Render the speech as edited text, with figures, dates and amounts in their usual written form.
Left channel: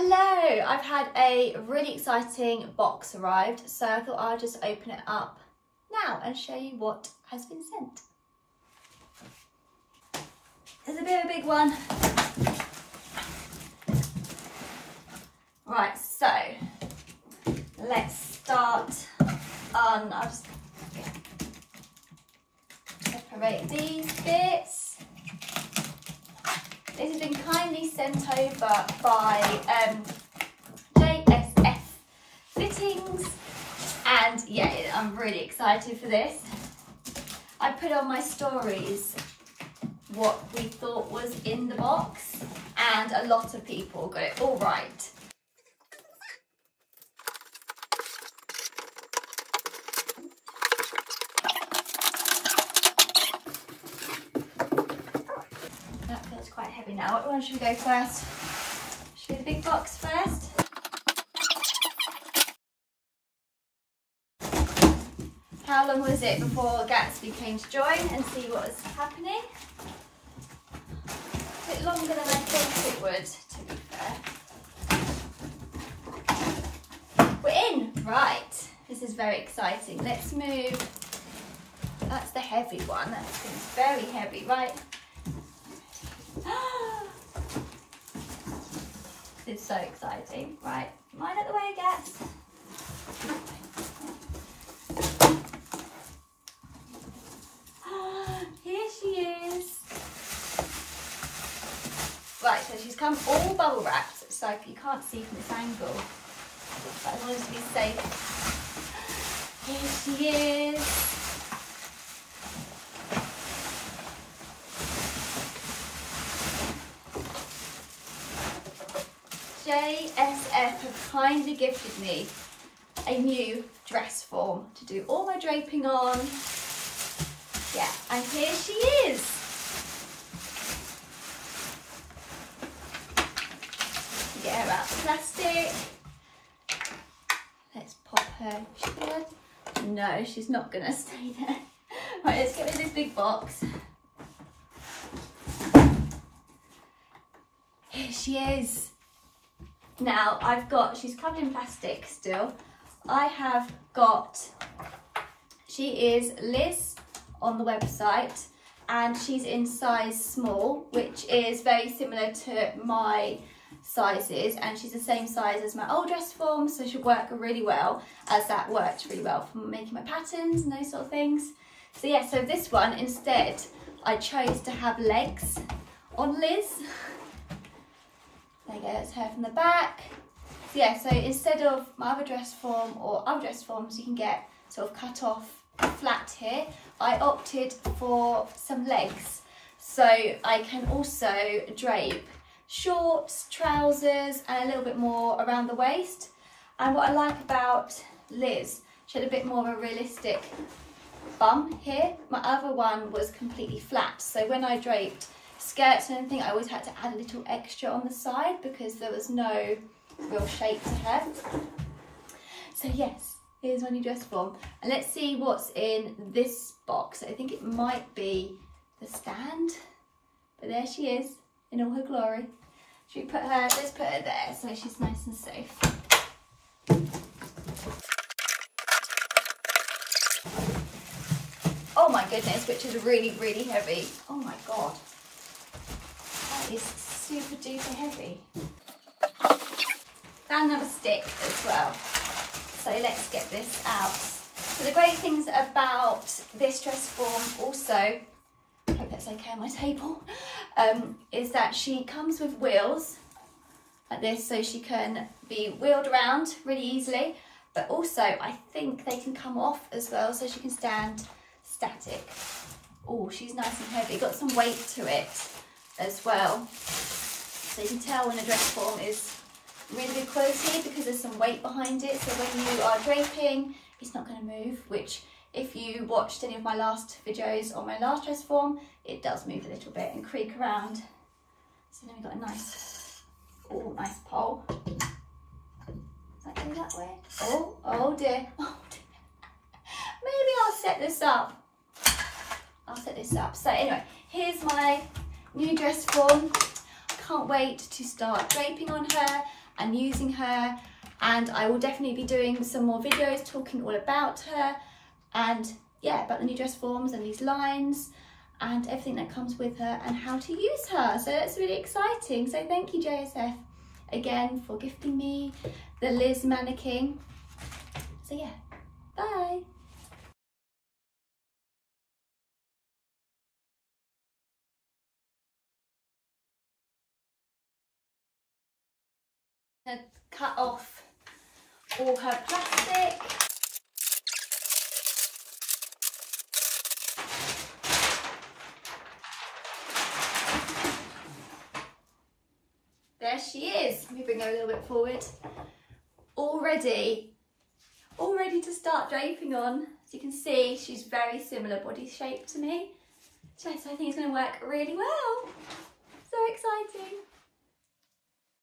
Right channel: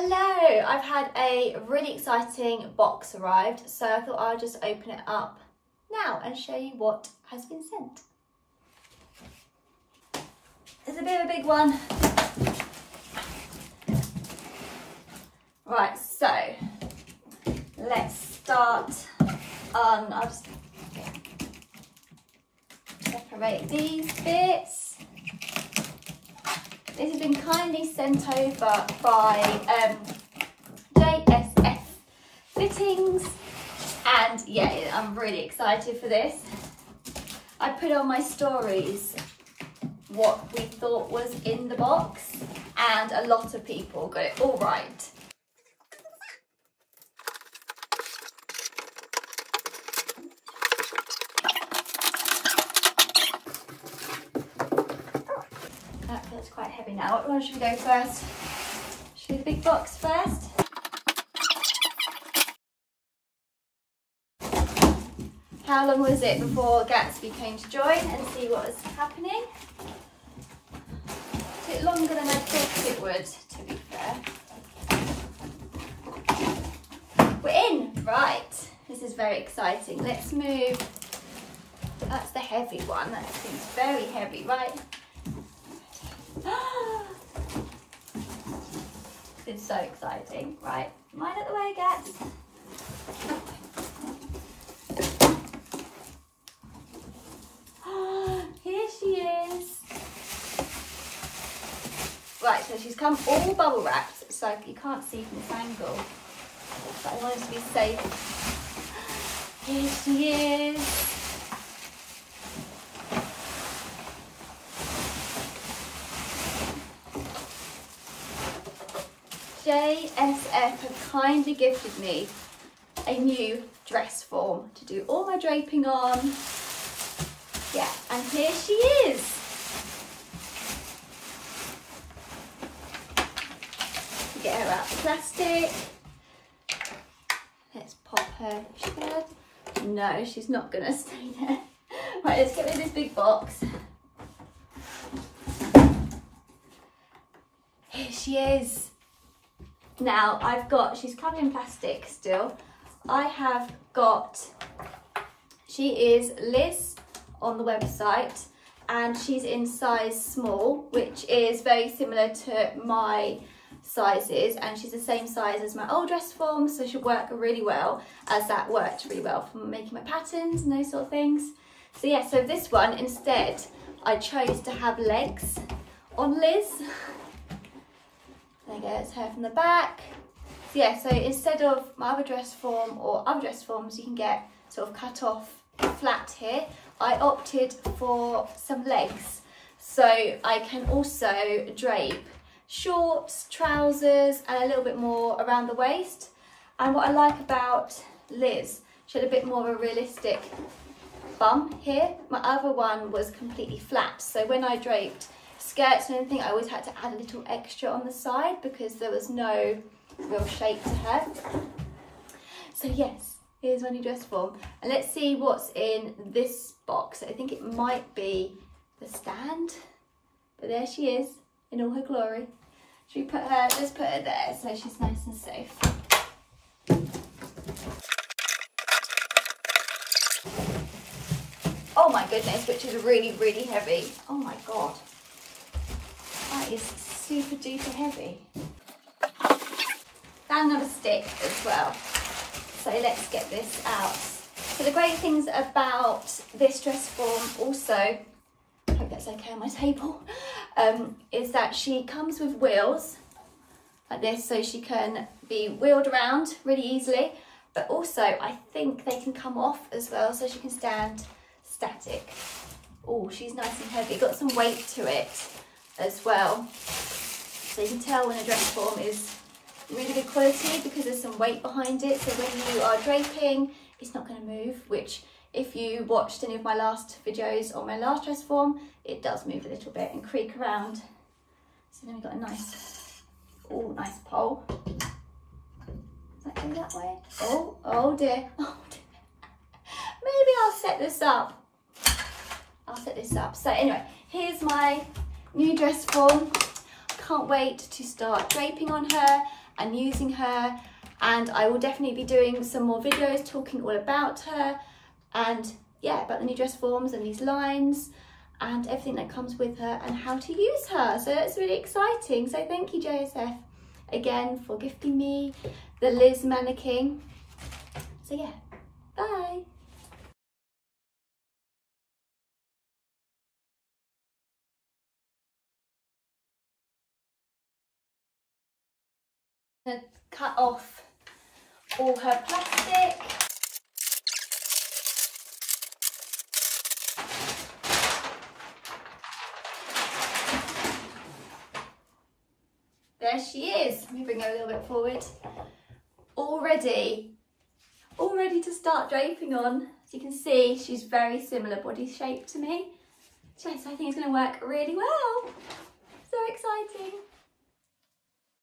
Hello, I've had a really exciting box arrived, so I thought I'll just open it up now and show you what has been sent. It's a bit of a big one. Right, so let's start on, I'll just separate these bits. This has been kindly sent over by JSF fittings, and yeah, I'm really excited for this. I put on my stories what we thought was in the box, and a lot of people got it all right. That feels quite heavy now. What one should we go first? Should we do the big box first? How long was it before Gatsby came to join and see what was happening? A bit longer than I thought it would, to be fair. We're in! Right, this is very exciting. Let's move. That's the heavy one. That seems very heavy, right? It's so exciting. Right, mind out the way, Gats. Here she is. Right, so she's come all bubble wrapped, so you can't see from this angle, but I wanted to be safe. Here she is. JSF have kindly gifted me a new dress form to do all my draping on. Yeah, and here she is. Get her out of plastic. Let's pop her shirt. No, she's not gonna stay there. Right, let's get rid of this big box. Here she is. Now she's covered in plastic still. I have got, she is Liz on the website, and she's in size small, which is very similar to my sizes, and she's the same size as my old dress form, so she'll work really well, as that worked really well for making my patterns and those sort of things. So yeah, so this one instead, I chose to have legs on Liz. There you go, that's her from the back. So yeah, so instead of my other dress form or other dress forms you can get sort of cut off flat here, I opted for some legs. So I can also drape shorts, trousers, and a little bit more around the waist. And what I like about Liz, she had a bit more of a realistic bum here. My other one was completely flat, so when I draped skirts and everything, I always had to add a little extra on the side because there was no real shape to her. So yes, here's my new dress form, and let's see what's in this box. I think it might be the stand, but there she is in all her glory. Should we put her, let's put her there so she's nice and safe. Oh my goodness, which is really, really heavy. Oh my God. That is super duper heavy. Found another stick as well. So let's get this out. So the great things about this dress form also, I hope that's okay on my table, is that she comes with wheels like this, so she can be wheeled around really easily, but also I think they can come off as well, so she can stand static. Oh, she's nice and heavy, got some weight to it as well, so you can tell when the dress form is really good quality because there's some weight behind it, so when you are draping it's not going to move, which if you watched any of my last videos on my last dress form, it does move a little bit and creak around. So then we've got a nice, oh, nice pole. Does that go that way? Oh dear, oh dear. Maybe I'll set this up. So anyway, here's my new dress form. Can't wait to start draping on her and using her, and I will definitely be doing some more videos talking all about her and yeah, about the new dress forms and these lines and everything that comes with her and how to use her. So that's really exciting. So thank you JSF again for gifting me the Liz mannequin. So yeah, bye. Cut off all her plastic. There she is. Let me bring her a little bit forward. All ready to start draping on. As you can see, she's very similar body shape to me. So I think it's going to work really well. So exciting.